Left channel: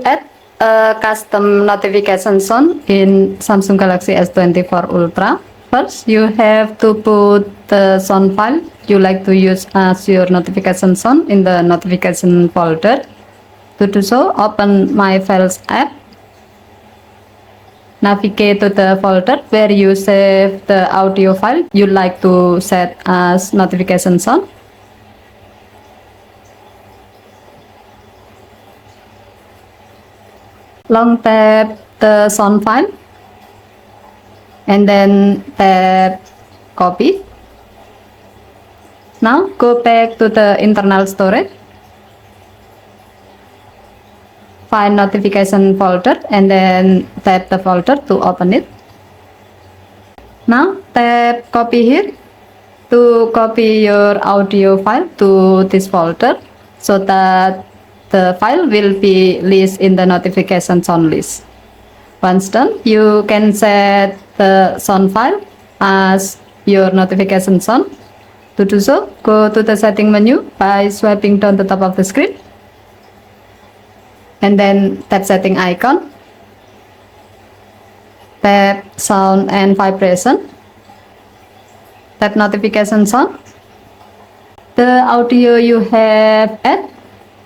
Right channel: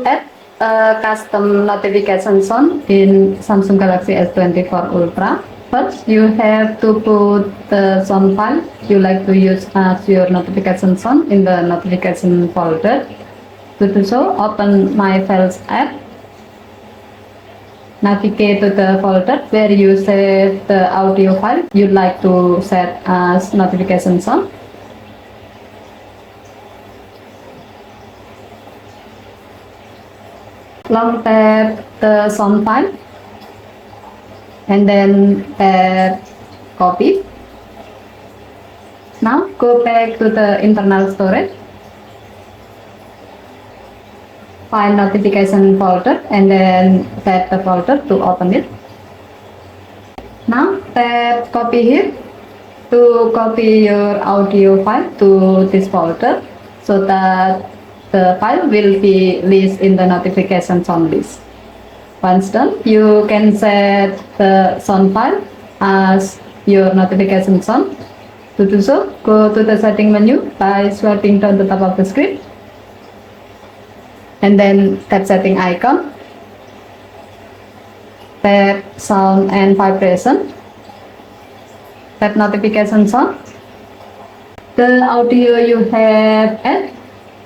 To add a custom notification sound in Samsung Galaxy S24 Ultra, first you have to put the sound file you like to use as your notification sound in the notification folder. To do so, open My Files app. Navigate to the folder where you save the audio file you like to set as notification sound. Long tap the sound file and then tap copy. Now go back to the internal storage, find notification folder and then tap the folder to open it. Now tap copy here to copy your audio file to this folder so that the file will be listed in the notification sound list. Once done, you can set the sound file as your notification sound. To do so, go to the setting menu by swiping down the top of the screen and then tap setting icon, tap sound and vibration, tap notification sound. The audio you have added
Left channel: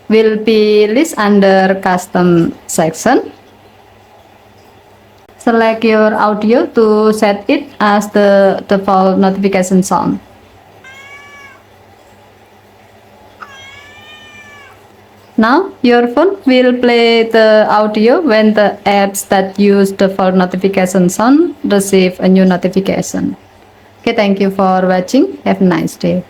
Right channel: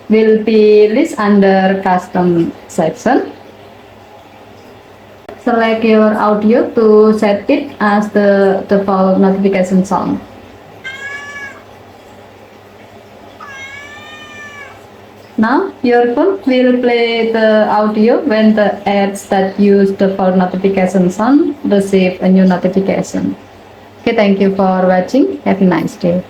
will be listed under custom section. Select your audio to set it as the default notification sound. Now your phone will play the audio when the apps that use the default notification sound receive a new notification. Okay, thank you for watching. Have a nice day.